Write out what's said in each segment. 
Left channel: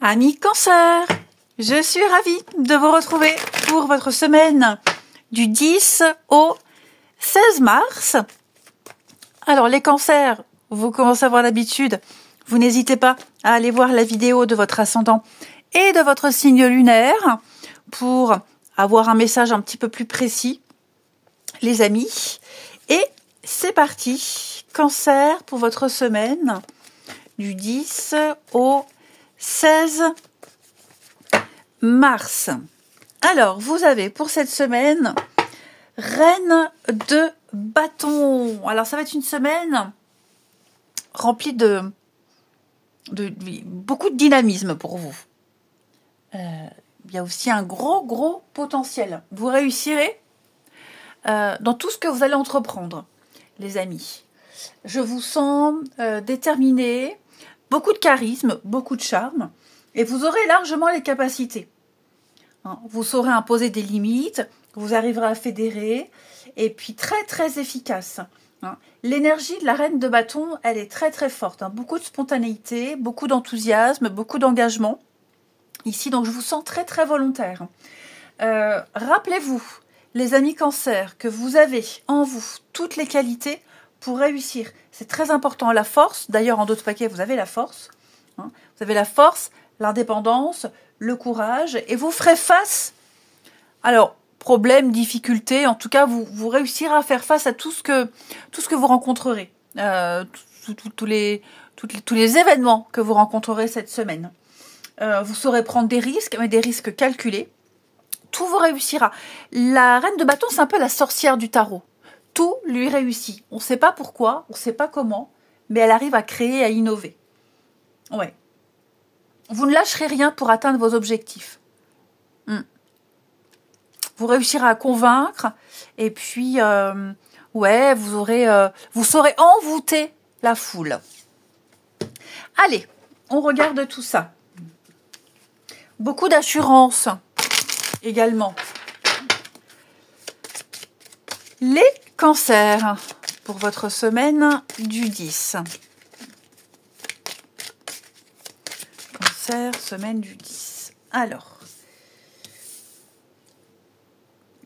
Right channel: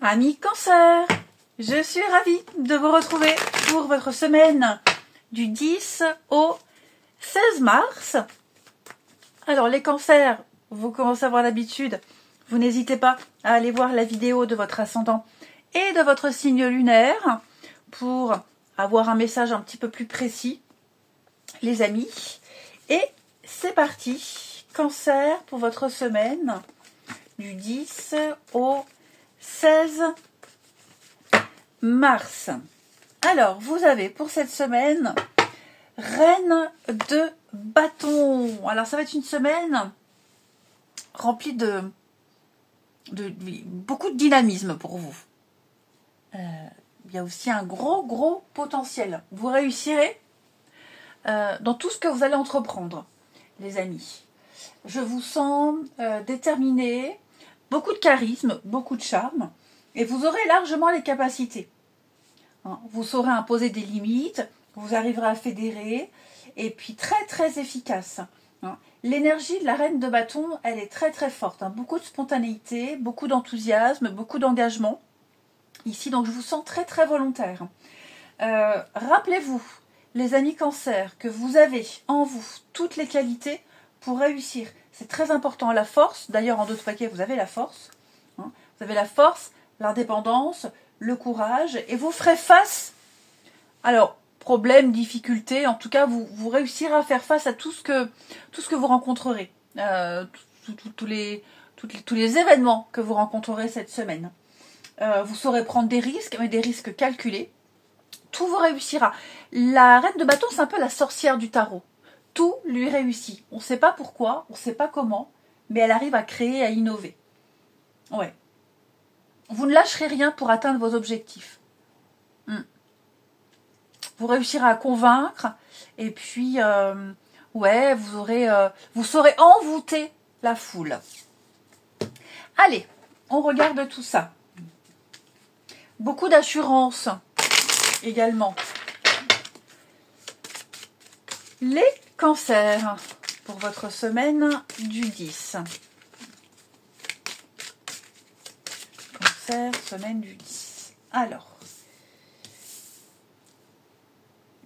Amis Cancer, je suis ravie de vous retrouver pour votre semaine du 10 au 16 mars. Alors les cancers, vous commencez à avoir l'habitude, vous n'hésitez pas à aller voir la vidéo de votre ascendant et de votre signe lunaire pour avoir un message un petit peu plus précis, les amis. Et c'est parti, Cancer pour votre semaine du 10 au 16 mars. Alors, vous avez pour cette semaine Reine de bâton. Alors, ça va être une semaine remplie de beaucoup de dynamisme pour vous. Il y a aussi un gros potentiel. Vous réussirez dans tout ce que vous allez entreprendre, les amis. Je vous sens déterminé, beaucoup de charisme, beaucoup de charme, et vous aurez largement les capacités. Vous saurez imposer des limites, vous arriverez à fédérer, et puis très efficace. L'énergie de la reine de bâton, elle est très forte. Beaucoup de spontanéité, beaucoup d'enthousiasme, beaucoup d'engagement. Ici, donc je vous sens très volontaire. Rappelez-vous, les amis Cancer, que vous avez en vous toutes les qualités pour réussir. C'est très important, la force. D'ailleurs, en d'autres paquets, vous avez la force. Vous avez la force, l'indépendance, le courage, et vous ferez face. Alors, problèmes, difficultés, en tout cas, vous réussirez à faire face à tout ce que vous rencontrerez. Tous les événements que vous rencontrerez cette semaine. Vous saurez prendre des risques, mais des risques calculés. Tout vous réussira. La reine de bâton, c'est un peu la sorcière du tarot. Tout lui réussit. On ne sait pas pourquoi, on ne sait pas comment, mais elle arrive à créer, à innover. Ouais. Vous ne lâcherez rien pour atteindre vos objectifs. Vous réussirez à convaincre, et puis, ouais, vous saurez envoûter la foule. Allez, on regarde tout ça. Beaucoup d'assurance également. Les cancers pour votre semaine du 10. Cancer, semaine du 10. Alors,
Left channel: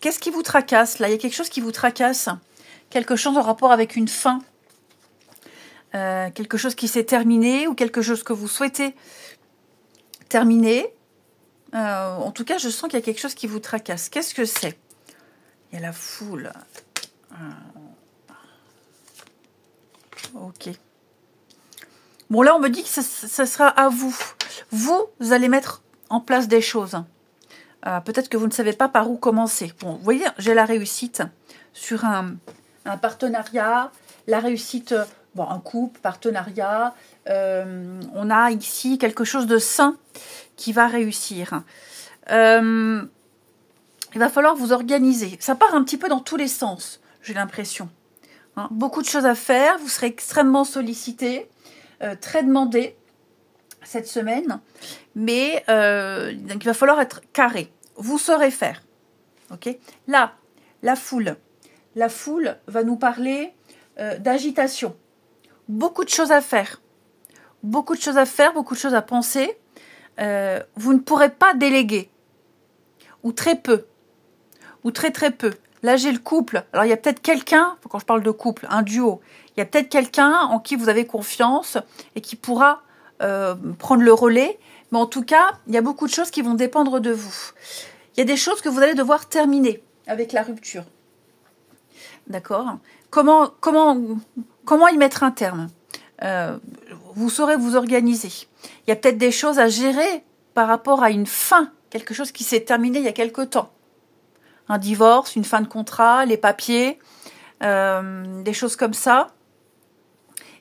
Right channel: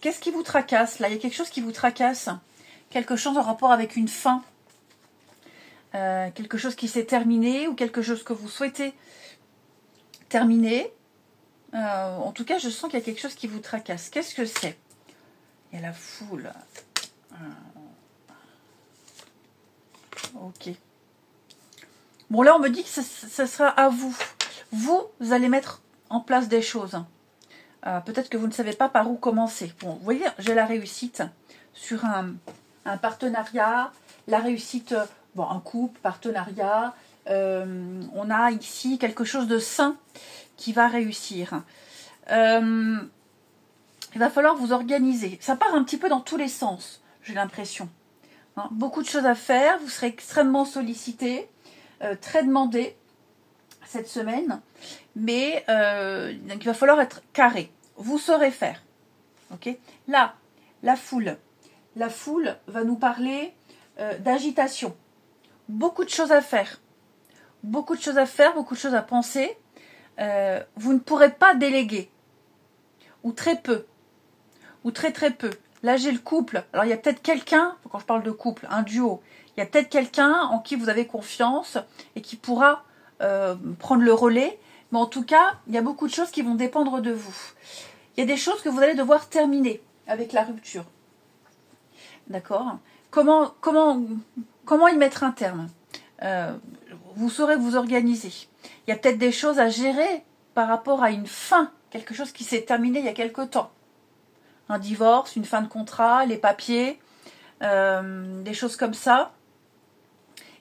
qu'est-ce qui vous tracasse là? Il y a quelque chose qui vous tracasse. Quelque chose en rapport avec une fin. Quelque chose qui s'est terminé ou quelque chose que vous souhaitez terminer. En tout cas, je sens qu'il y a quelque chose qui vous tracasse. Qu'est-ce que c'est? Il y a la foule. Ok. Bon, là, on me dit que ça sera à vous. Vous allez mettre en place des choses. Peut-être que vous ne savez pas par où commencer. Bon, vous voyez, j'ai la réussite sur un partenariat. La réussite, bon, un couple, partenariat. On a ici quelque chose de sain qui va réussir. Il va falloir vous organiser. Ça part un petit peu dans tous les sens, j'ai l'impression. Beaucoup de choses à faire. Vous serez extrêmement sollicité, très demandé cette semaine. Mais donc il va falloir être carré. Vous saurez faire. Ok. Là, la foule. La foule va nous parler d'agitation. Beaucoup de choses à faire. Beaucoup de choses à faire, beaucoup de choses à penser. Vous ne pourrez pas déléguer. Ou très peu. Ou très peu. Là, j'ai le couple. Alors, il y a peut-être quelqu'un, quand je parle de couple, un duo, il y a peut-être quelqu'un en qui vous avez confiance et qui pourra prendre le relais. Mais en tout cas, il y a beaucoup de choses qui vont dépendre de vous. Il y a des choses que vous allez devoir terminer avec la rupture. D'accord? Comment y mettre un terme? Vous saurez vous organiser. Il y a peut-être des choses à gérer par rapport à une fin, quelque chose qui s'est terminé il y a quelque temps. Un divorce, une fin de contrat, les papiers, des choses comme ça.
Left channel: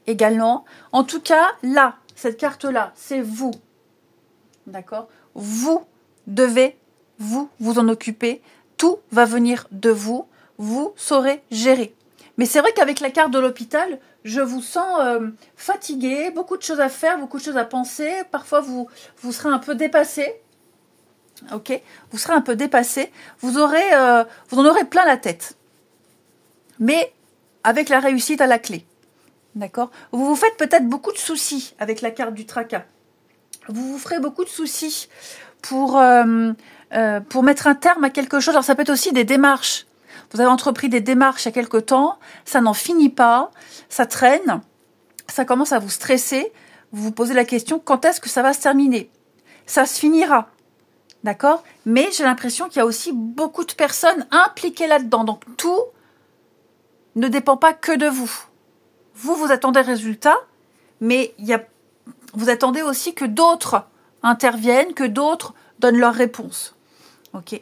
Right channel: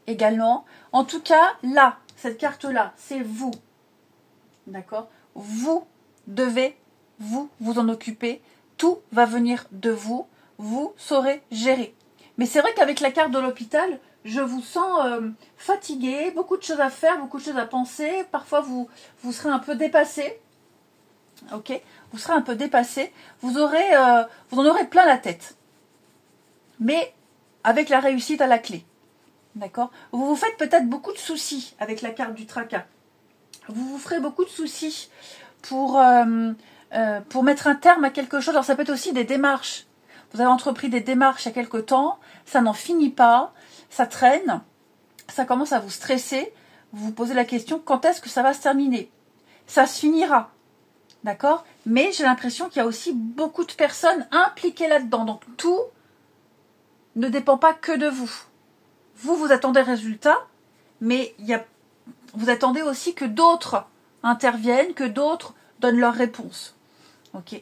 Également. En tout cas, là, cette carte-là, c'est vous. D'accord? Vous devez vous en occuper. Tout va venir de vous. Vous saurez gérer. Mais c'est vrai qu'avec la carte de l'hôpital, je vous sens fatigué, beaucoup de choses à faire, beaucoup de choses à penser. Parfois, vous serez un peu dépassé. Ok, vous serez un peu dépassé, vous en aurez plein la tête, mais avec la réussite à la clé, d'accord? Vous vous faites peut-être beaucoup de soucis avec la carte du tracas, Vous vous ferez beaucoup de soucis pour mettre un terme à quelque chose. Alors ça peut être aussi des démarches. Vous avez entrepris des démarches il y a quelque temps, ça n'en finit pas, ça traîne, ça commence à vous stresser. Vous vous posez la question, quand est-ce que ça va se terminer? Ça se finira, d'accord? Mais j'ai l'impression qu'il y a aussi beaucoup de personnes impliquées là-dedans. Donc tout ne dépend pas que de vous. Vous attendez le résultat, mais vous attendez aussi que d'autres interviennent, que d'autres donnent leurs réponses. Ok.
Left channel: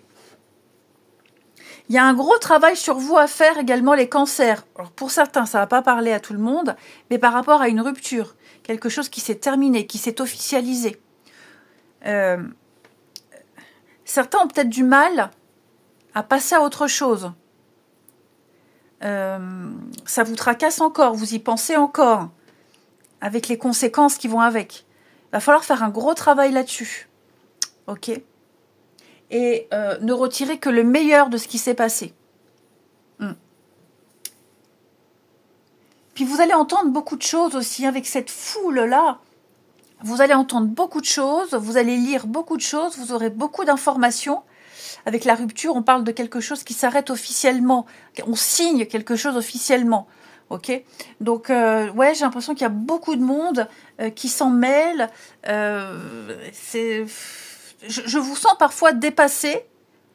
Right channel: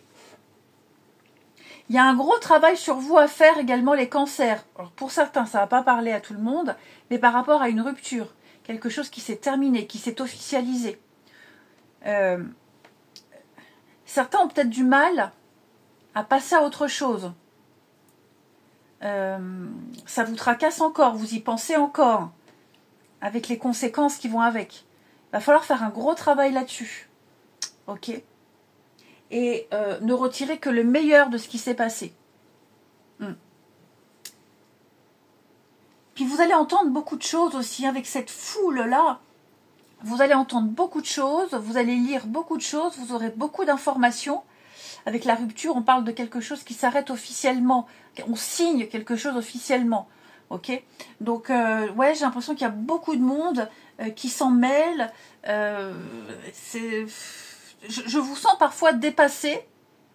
Il y a un gros travail sur vous à faire également, les cancers. Alors pour certains, ça ne va pas parler à tout le monde, mais par rapport à une rupture, quelque chose qui s'est terminé, qui s'est officialisé. Certains ont peut-être du mal à passer à autre chose. Ça vous tracasse encore, vous y pensez encore, avec les conséquences qui vont avec. Il va falloir faire un gros travail là-dessus. Ok ? Et ne retirer que le meilleur de ce qui s'est passé. Puis vous allez entendre beaucoup de choses aussi, avec cette foule-là. Vous allez entendre beaucoup de choses, vous allez lire beaucoup de choses, vous aurez beaucoup d'informations. Avec la rupture, on parle de quelque chose qui s'arrête officiellement. On signe quelque chose officiellement. Ok ? Donc, ouais, j'ai l'impression qu'il y a beaucoup de monde qui s'en mêle. Je vous sens parfois dépassé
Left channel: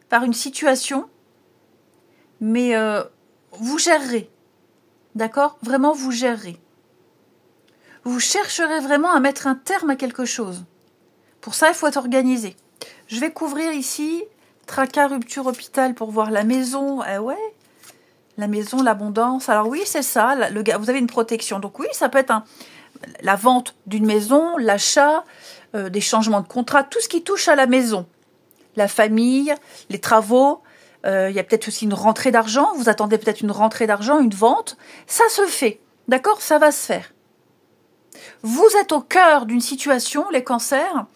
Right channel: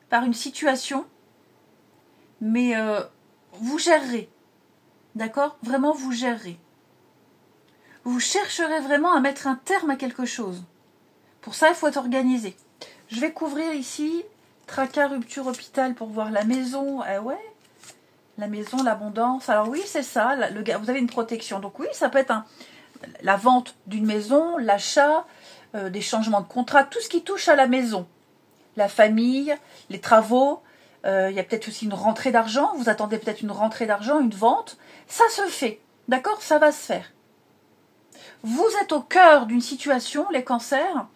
par une situation, mais vous gérerez. D'accord ? Vraiment, vous gérerez. Vous chercherez vraiment à mettre un terme à quelque chose. Pour ça, il faut être organisé. Je vais couvrir ici tracas, rupture, hôpital pour voir la maison. Ouais, la maison, l'abondance. Alors oui, c'est ça. Vous avez une protection. Donc oui, ça peut être la vente d'une maison, l'achat, des changements de contrat, tout ce qui touche à la maison. La famille, les travaux. Il y a peut-être aussi une rentrée d'argent. Vous attendez peut-être une rentrée d'argent, une vente. Ça se fait. D'accord ? Ça va se faire. Vous êtes au cœur d'une situation, les cancers.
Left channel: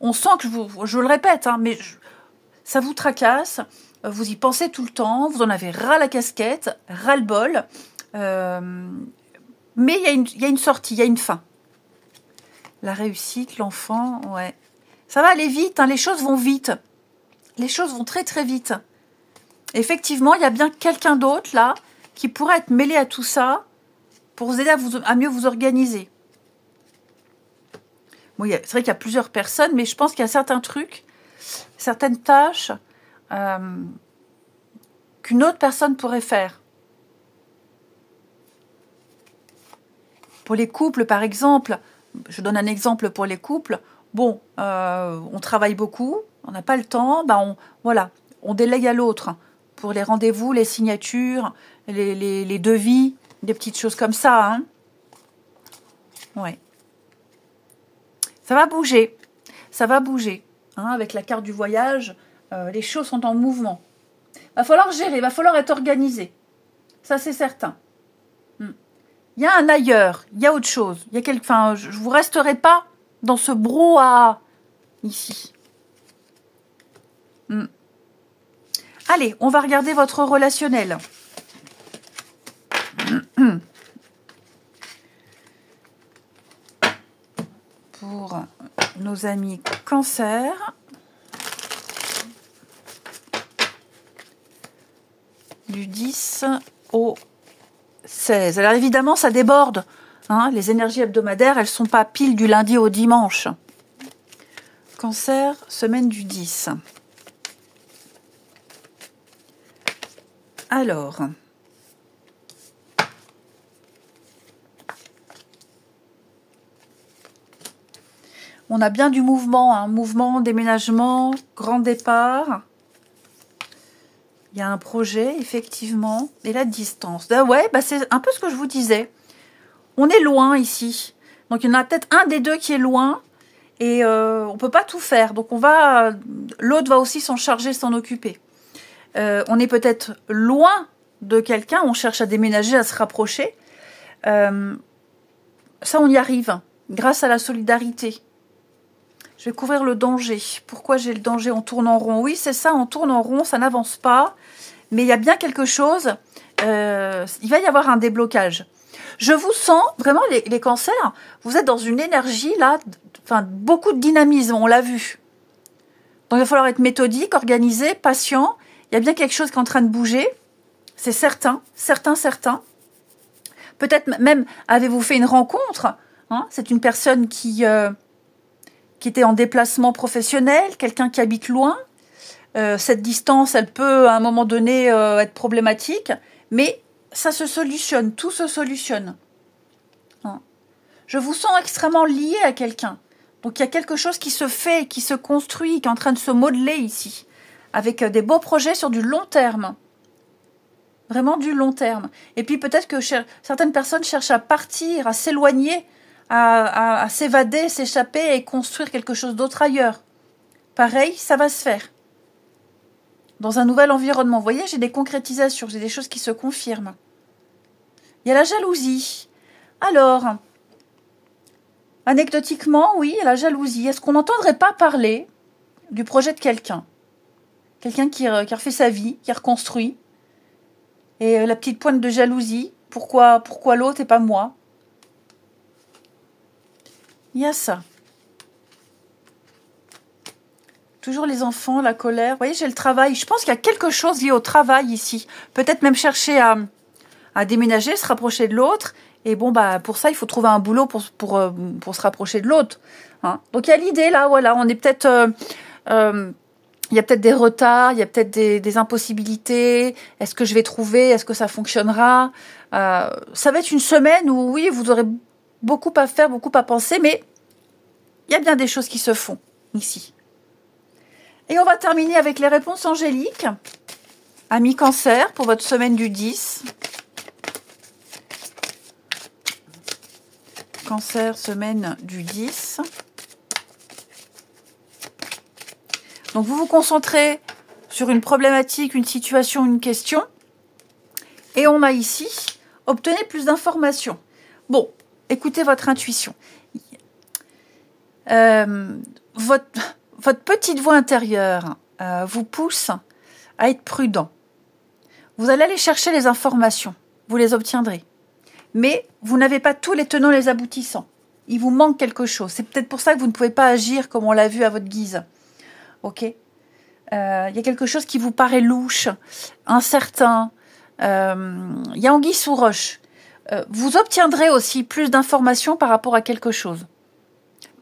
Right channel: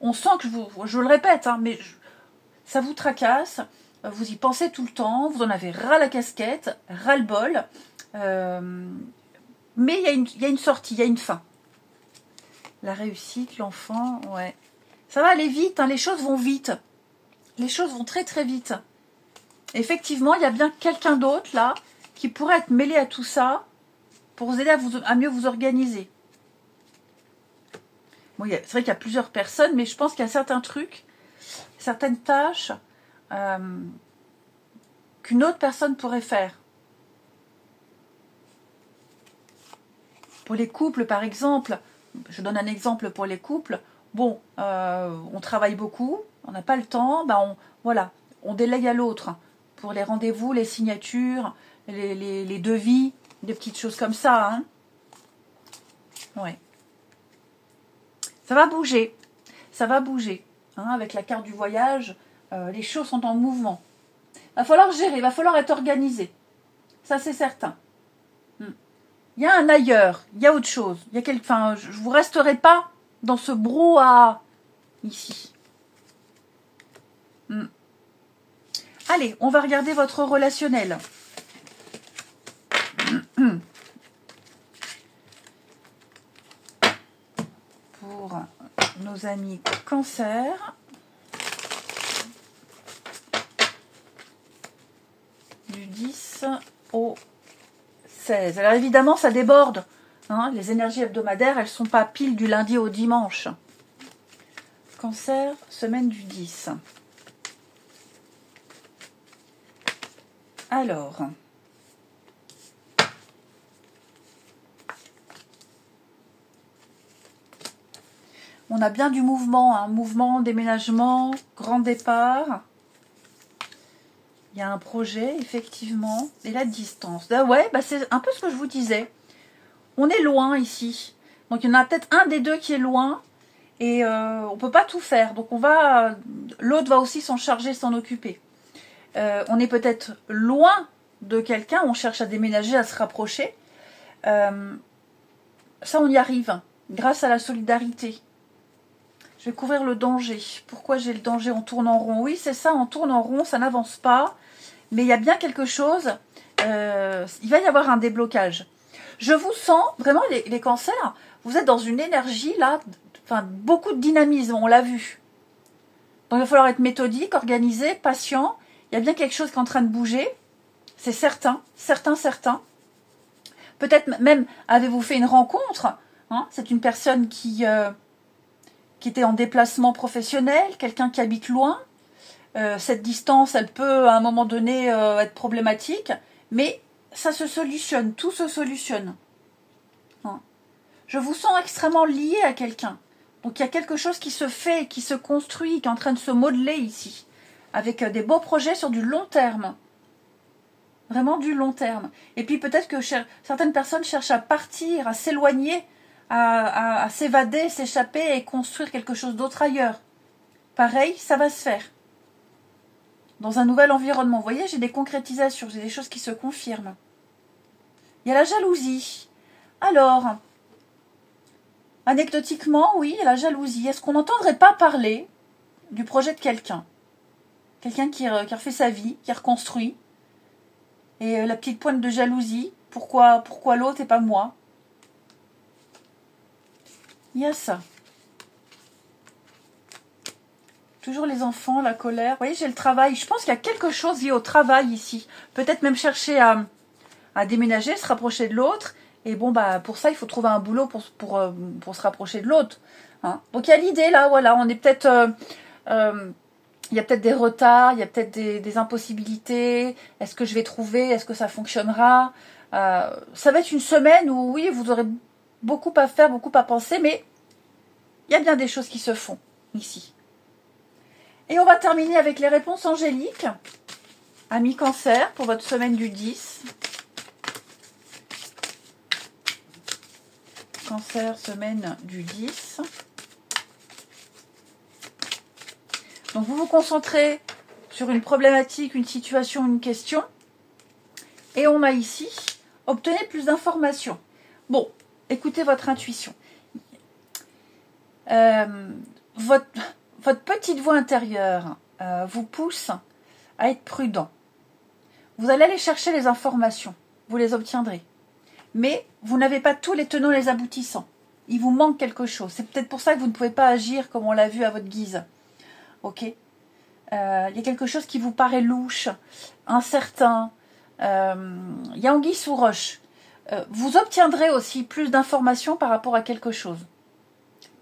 On sent que, je le répète, hein, mais ça vous tracasse. Vous y pensez tout le temps. Vous en avez ras la casquette, ras le bol. Mais il y a une sortie, il y a une fin. La réussite, l'enfant, ouais. Ça va aller vite, hein, les choses vont vite. Les choses vont très très vite. Effectivement, il y a bien quelqu'un d'autre là qui pourrait être mêlé à tout ça pour vous aider à mieux vous organiser. Bon, c'est vrai qu'il y a plusieurs personnes, mais je pense qu'il y a certains trucs, certaines tâches qu'une autre personne pourrait faire. Pour les couples, par exemple, je donne un exemple pour les couples. Bon, on travaille beaucoup, on n'a pas le temps, voilà, on délègue à l'autre pour les rendez-vous, les signatures, les devis, des petites choses comme ça. Hein. Ouais. Ça va bouger, hein, avec la carte du voyage, les choses sont en mouvement. Il va falloir gérer, il va falloir être organisé. Ça, c'est certain. Il y a un ailleurs, il y a autre chose. Je ne vous resterai pas dans ce brouhaha ici. Allez, on va regarder votre relationnel. Pour nos amis Cancer. Du 10 au 16. Alors évidemment, ça déborde. Hein, les énergies hebdomadaires, elles ne sont pas pile du lundi au dimanche. Cancer, semaine du 10. Alors, on a bien du mouvement, hein, mouvement, déménagement, grand départ. Il y a un projet, effectivement, et la distance. Ouais, c'est un peu ce que je vous disais. On est loin ici. Donc, il y en a peut-être un des deux qui est loin et on ne peut pas tout faire. Donc, l'autre va aussi s'en charger, s'en occuper. On est peut-être loin de quelqu'un, on cherche à déménager, à se rapprocher. Ça, on y arrive grâce à la solidarité. Je vais couvrir le danger. Pourquoi j'ai le danger? On tourne en rond. Oui, c'est ça, on tourne en rond, ça n'avance pas. Mais il y a bien quelque chose. Il va y avoir un déblocage. Je vous sens, vraiment, les cancers, vous êtes dans une énergie, là, enfin, beaucoup de dynamisme, on l'a vu. Donc, il va falloir être méthodique, organisé, patient. Il y a bien quelque chose qui est en train de bouger. C'est certain, certain. Peut-être même, avez-vous fait une rencontre, hein? C'est une personne qui était en déplacement professionnel, quelqu'un qui habite loin. Cette distance, elle peut, à un moment donné, être problématique. Mais ça se solutionne, tout se solutionne. Hein? Je vous sens extrêmement lié à quelqu'un. Donc il y a quelque chose qui se fait, qui se construit, qui est en train de se modeler ici. Avec des beaux projets sur du long terme. Vraiment du long terme. Et puis peut-être que certaines personnes cherchent à partir, à s'éloigner, à s'évader, s'échapper et construire quelque chose d'autre ailleurs. Pareil, ça va se faire. Dans un nouvel environnement. Vous voyez, j'ai des concrétisations, j'ai des choses qui se confirment. Il y a la jalousie. Alors, anecdotiquement, oui, il y a la jalousie. Est-ce qu'on n'entendrait pas parler du projet de quelqu'un? Quelqu'un qui a refait sa vie, qui a reconstruit. Et la petite pointe de jalousie. Pourquoi l'autre et pas moi? Il y a ça. Toujours les enfants, la colère. Vous voyez, j'ai le travail. Je pense qu'il y a quelque chose lié au travail ici. Peut-être même chercher à déménager, se rapprocher de l'autre. Et bon, bah pour ça, il faut trouver un boulot pour se rapprocher de l'autre. Hein. Donc il y a l'idée là, voilà. On est peut-être... il y a peut-être des retards, il y a peut-être des impossibilités. Est-ce que je vais trouver? Est-ce que ça fonctionnera? Ça va être une semaine où, oui, vous aurez beaucoup à faire, beaucoup à penser, mais il y a bien des choses qui se font ici. Et on va terminer avec les réponses angéliques. Amis Cancer, pour votre semaine du 10. Cancer, semaine du 10. Donc, vous vous concentrez sur une problématique, une situation, une question. Et on a ici, obtenez plus d'informations. Bon, écoutez votre intuition. Votre petite voix intérieure vous pousse à être prudent. Vous allez aller chercher les informations. Vous les obtiendrez. Mais vous n'avez pas tous les tenants et les aboutissants. Il vous manque quelque chose. C'est peut-être pour ça que vous ne pouvez pas agir comme on l'a vu à votre guise. Ok, il y a quelque chose qui vous paraît louche, incertain. Il y a anguille sous roche. Vous obtiendrez aussi plus d'informations par rapport à quelque chose.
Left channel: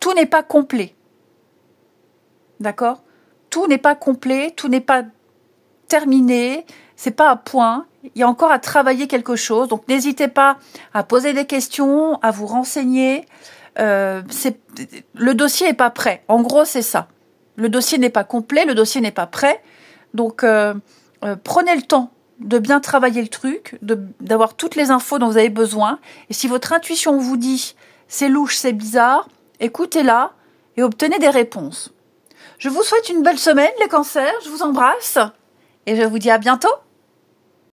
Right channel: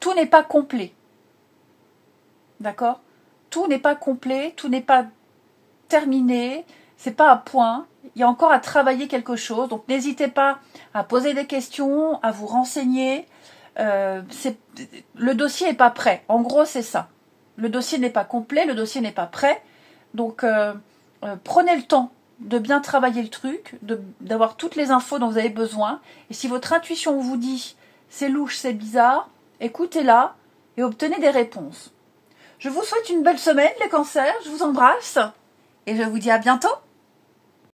Tout n'est pas complet. D'accord? Tout n'est pas complet, tout n'est pas terminé, c'est pas à point. Il y a encore à travailler quelque chose. Donc n'hésitez pas à poser des questions, à vous renseigner. Le dossier n'est pas prêt. En gros, c'est ça. Le dossier n'est pas complet, le dossier n'est pas prêt. Donc, prenez le temps de bien travailler le truc, d'avoir toutes les infos dont vous avez besoin. Et si votre intuition vous dit c'est louche, c'est bizarre, écoutez-la et obtenez des réponses. Je vous souhaite une belle semaine, les cancers. Je vous embrasse et je vous dis à bientôt.